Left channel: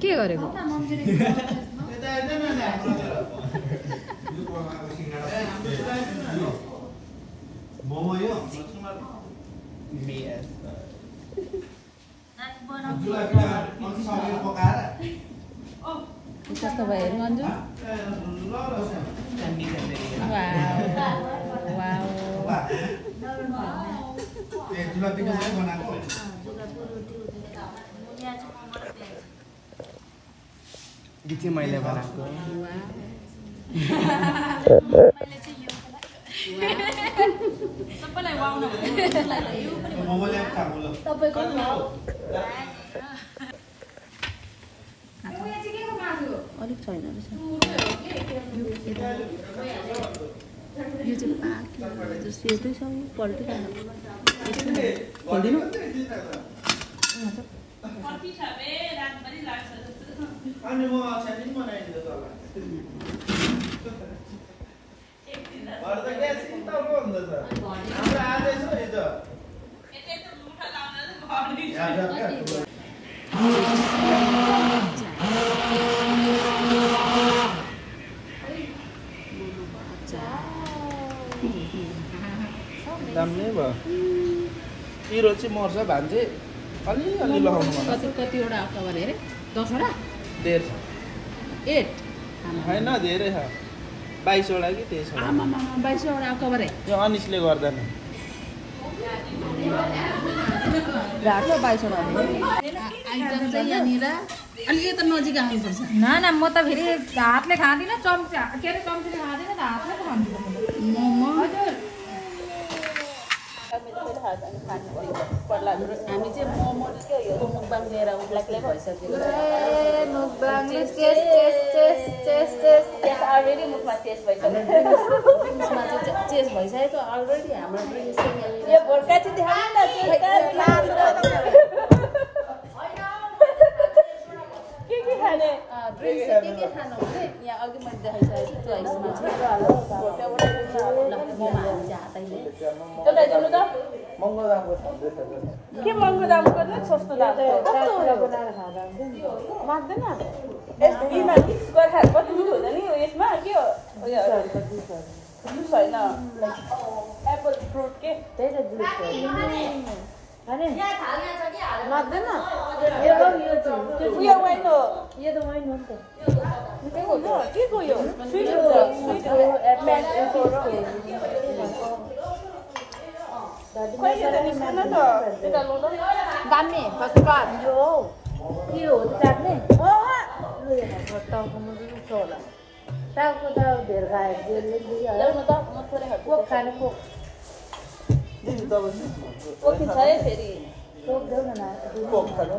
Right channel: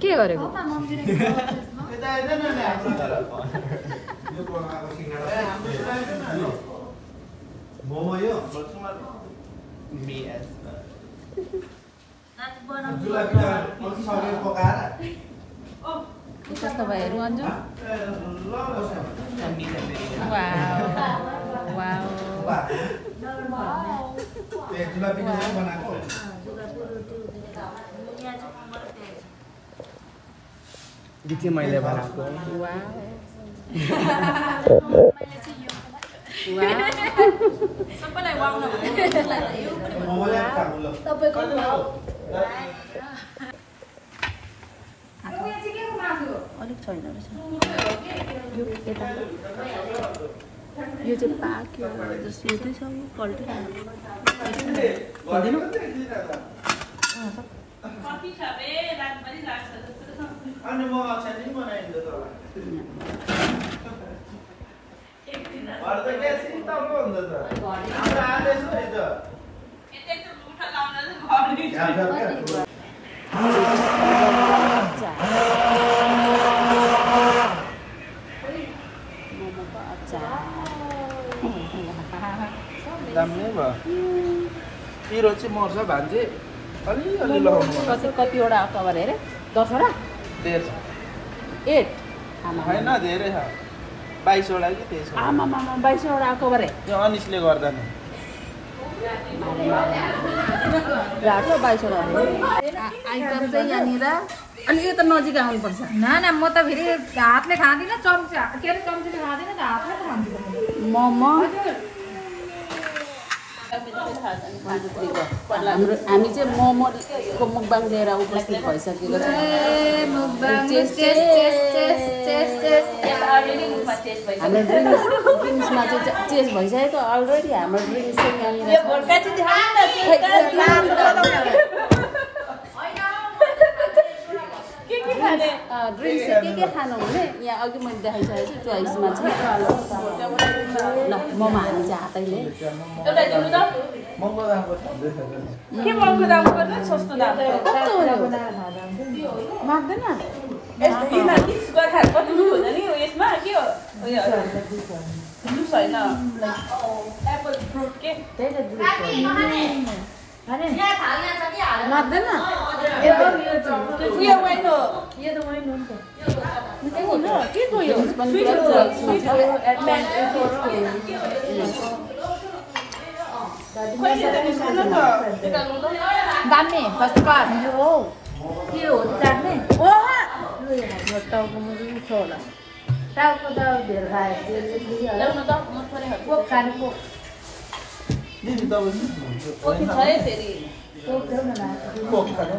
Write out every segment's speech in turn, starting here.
के गरेको मोमो यो कस्तो भयो अन्जु बिचे मैले बनाएको यो चाहिँ पाक्यो जस्तो यतैसम्म पल्टिरहेको दामी भयो पिरो चाहिँ मर्छ भान्जे अलिअलि लगाउनु कतिवटा कभर हेरे 10 वटा 1.5 8 होइन धेरै छ 22 वटा कि 23 आमा 22 वटा कभर हे त्यो अनिसले गर्दा नि घाटो 22 वटा आइटम चाहिँ यहाँनिर अनि यो त नजिक आउनुपर्छ ना म त फेरि हातले खाँदिनँ चम्चा के अरे चम्चीले खाँदिनँ त हातले त खान्छु मोमो हामी चाहिँ मोमोको मुकबाङ लिएर उपस्थित भइसकेको छ हाम्रो ड्रिङ्क्समा चाहिँ चेस भइसकेको अलरेडी हाम्रो ड्रिङ्क्स ड्रिङ्क्स चाहिँ के खानु भने यहाँ अघि मैले देखाइसकेको छु चोइसमा चाहिँ ल मोमो हामी चाहिँ हातैले के महँगो दामको पर्छ सस्तो दामको माग्दैन यसमा के हो जुस होइन एप्पल फ्रुट के लाग्दैन यो वाइन हो यो त वाइन हो के को यो पनि पुरा चोइसमा छ दामी फर्स्ट क्लास हो के हो जान्ने ओ टाउको मजले छ होला टाउको त धेरै रायो ल्याउनु त म पनि कोक खानु कोक दिदी तपाईँ कोक छ है फेरि कोक ल्याउनु न कोक खानु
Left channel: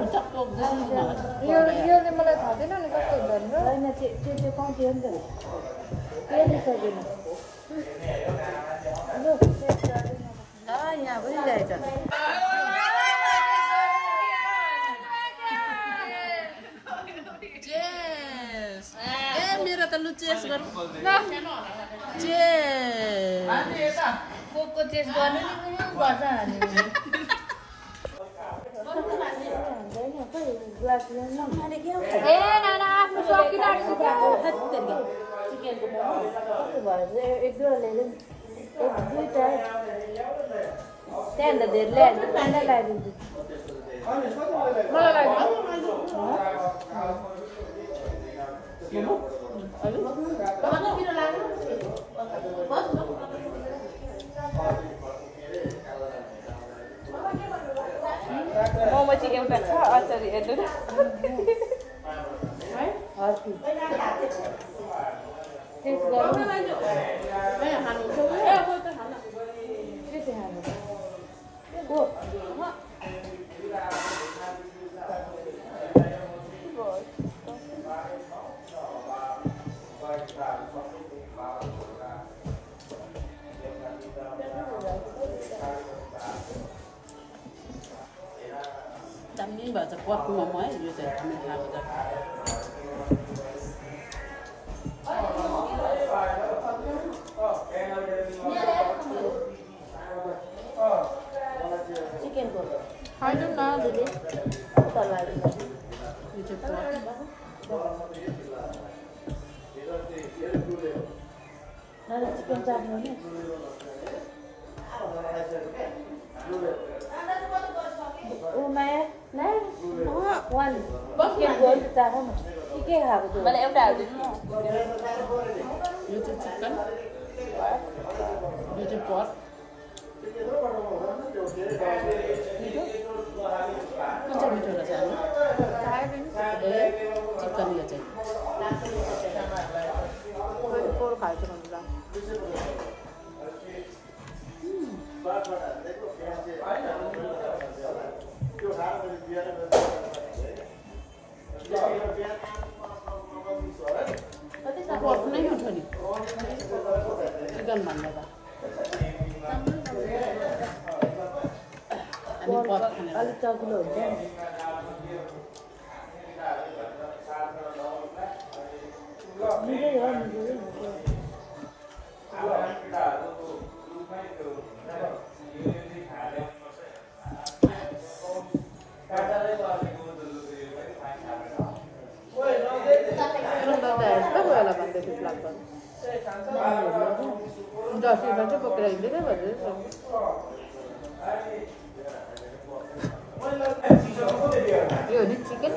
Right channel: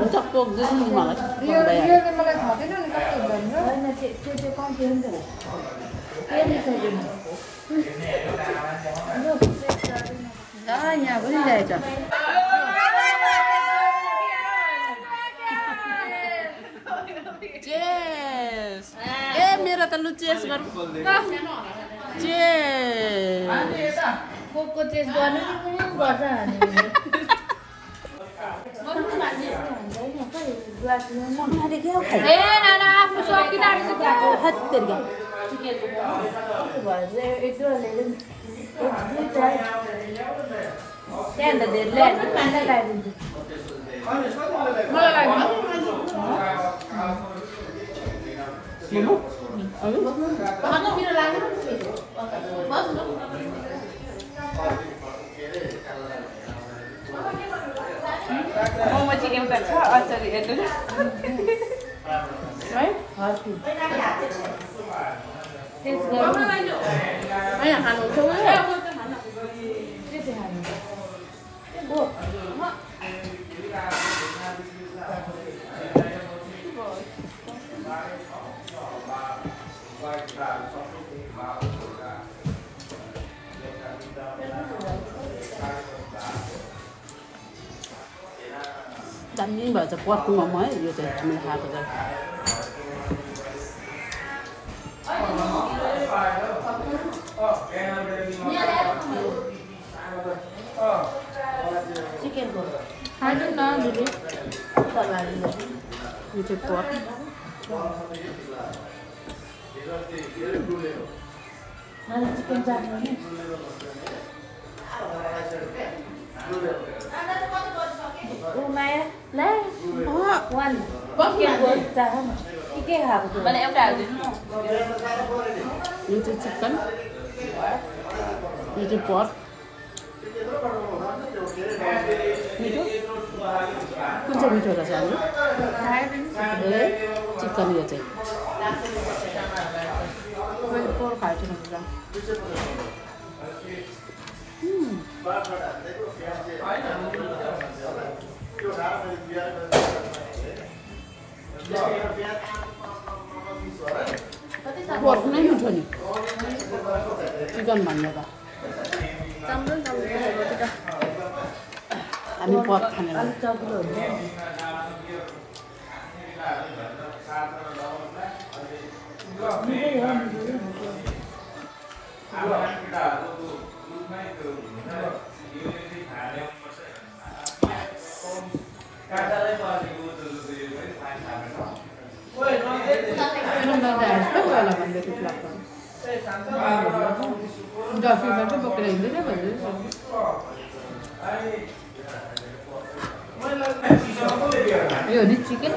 हुन्छ कोक दिनु नि मलाई यो त मलाई थाहा छैन नि कस्तो भन्नु यहाँ पनि ल्याएछ चेस ए मेरो त लु चेस गर्नु चेस कोकको चेस गर्नु गर्छ हामी के हो खाइ ए नाना आफ्नो सकिदाहरू छ हत तेरिका मलाई लाग्दैन मोमो अरे अन्त मेरो लाग्दैन मोमो चाहिँ एउटा छ अचार हेर्नु है दामी भएछ पर्क मोमो है यो चाहिँ हामीले खाएको चाहिँ दिदी यो चाहिँ पर्क यो चाहिँ चिकन यो चाहिँ पर्क मिठो कुन चाहिँ मिठो रहेछ हाम्रो चिकन यो चाहिँ पर्क हाल्छ पर्क नै मिठो नि चिकन भन्दा त हामी पर्क खाने लाग्छ यो नि चिकन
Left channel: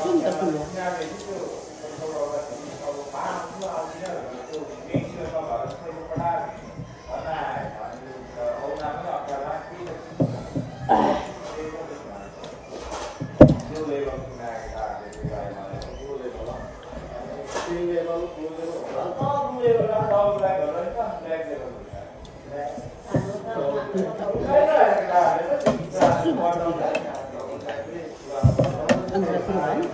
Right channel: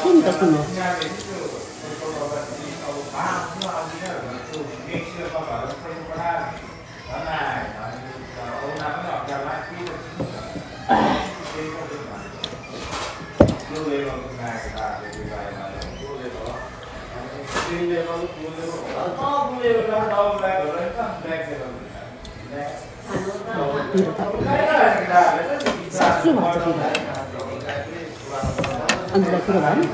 सुन त सुन सासु भात अन्त कुरो भयो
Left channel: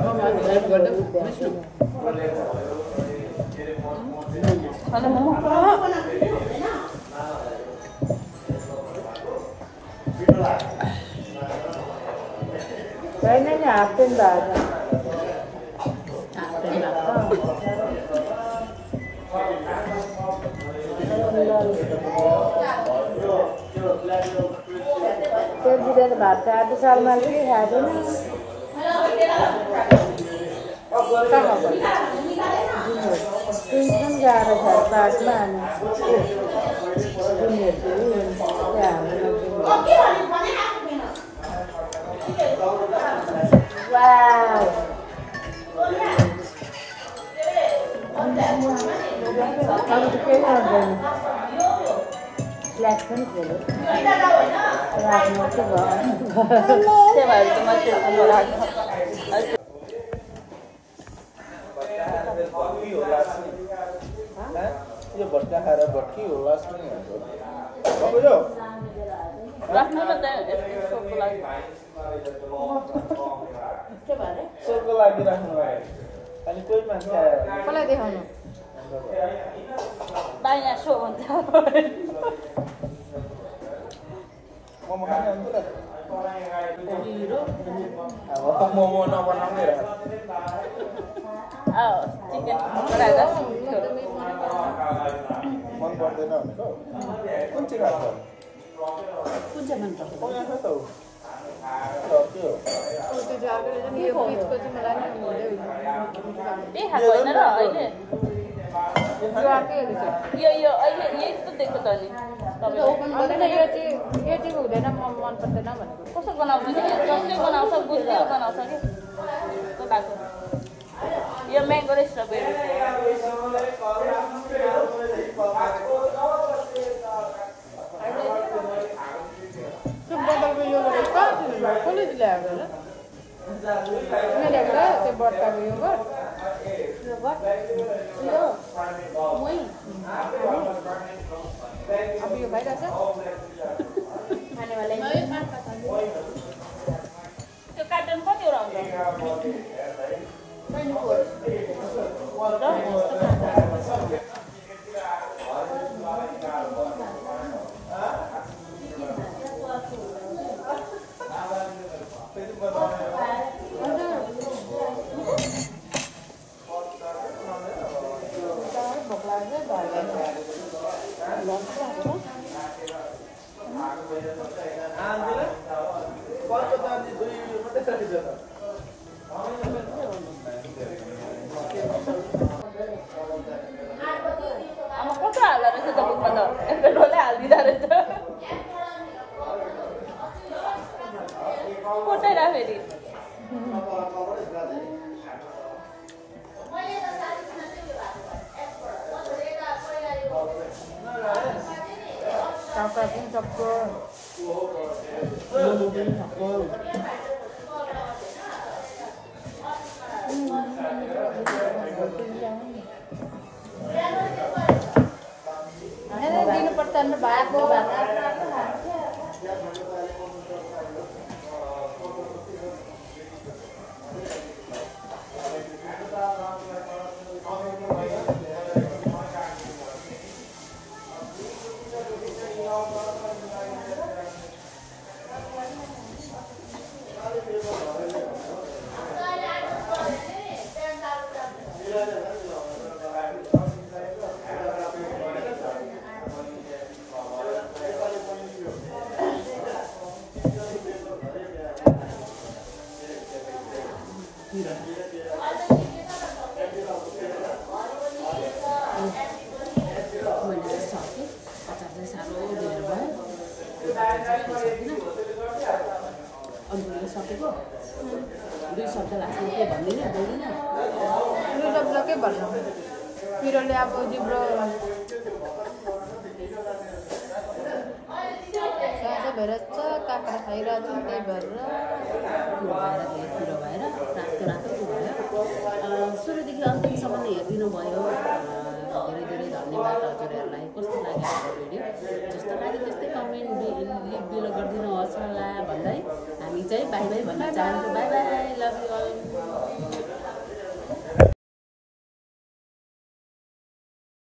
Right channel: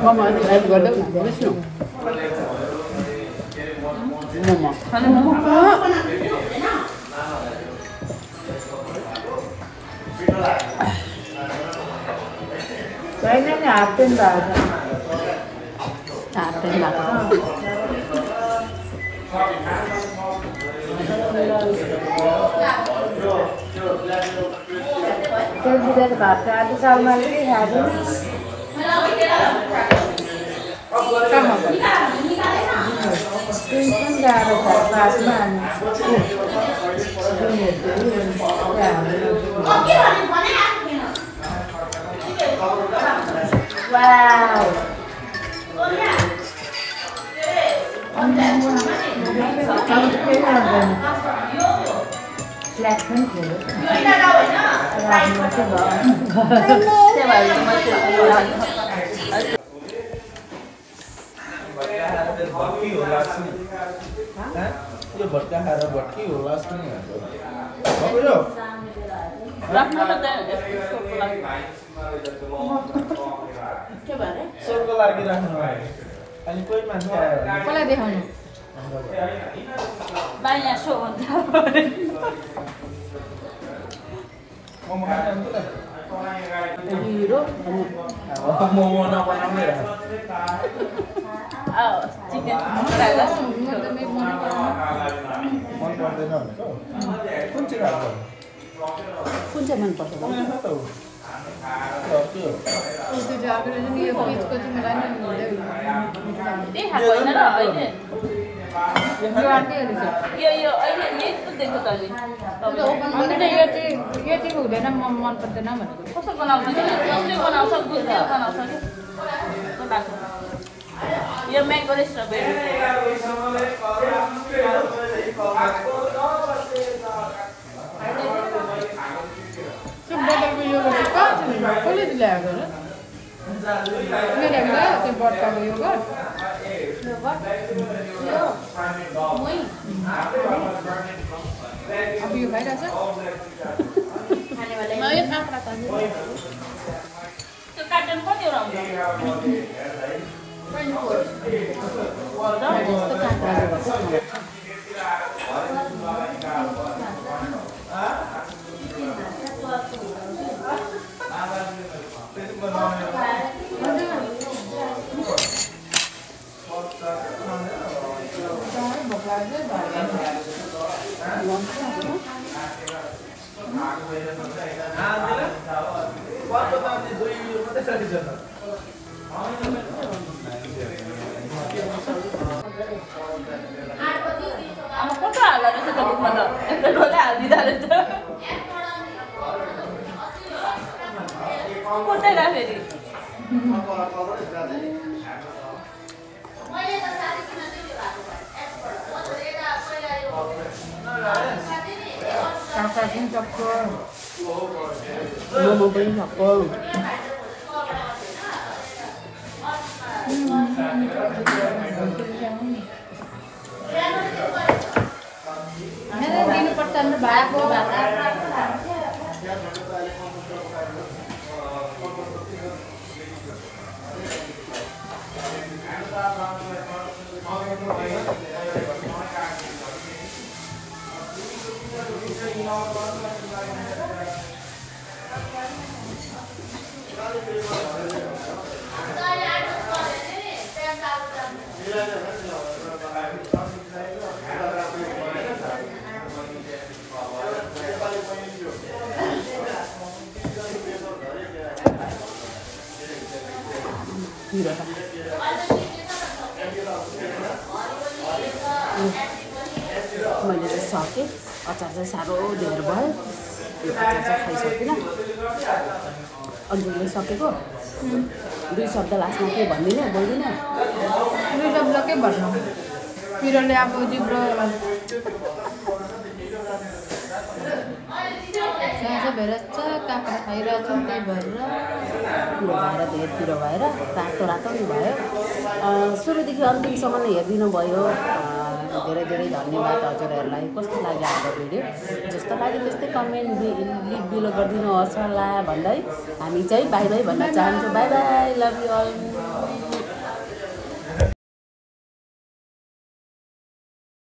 Mama ini air gudeg nak, boleh sih? Mama. Đấy nó nhạt trên bàn. Nhạt trên bàn. Trên đi lên bạc ra cái sau này cái nhà đi. Sama tak? Ini ada bahan. Wow. यो भट्टा खाएर भट्की होला जस्तो नि सोको लागि राख्नु भयो अनि कोही मान्छे कसलाई देखाउनु बाया सो हिरो मोमो नबनाउने कुन चाहिँ मन पर्छ हुँदैन मन पर्दैन त्यो बट्टाको यो गर अब यो भइरहेछ काका पनि सक्छ मोमो पनि सक्छ दिनुपर्छ नि भातको मैले चाहिँ सकेँ अचार चाहिँ साह्रो धेर भयो यो अचार चाहिँ खाइसकिनँ अन्जुले सकेको 2 शब्द लास्टमा के भन्दिनँ बोल्दिनँ 2 शब्द के भन्नु पिरोले अब जिब्रो भेरेछ काका खाइरहेको छु त्यही भएर पिरो भएर धेर पिरो भएर रातो रातो पनि भयो सुरुदेखि अन्तिमसम्म हेरिदिनु भयो धेरै धेरै धन्यवाद हजुरहरूलाई कस्तो लाग्यो हाम्रो भिडियो जस्तो लाग्यो त्यस्तै कमेन्ट लिभ बिलो गरिदिनु होस् होला भन्दै हामी चाहिँ बाई बाई भन्न चाहन्छौँ bye bye love you all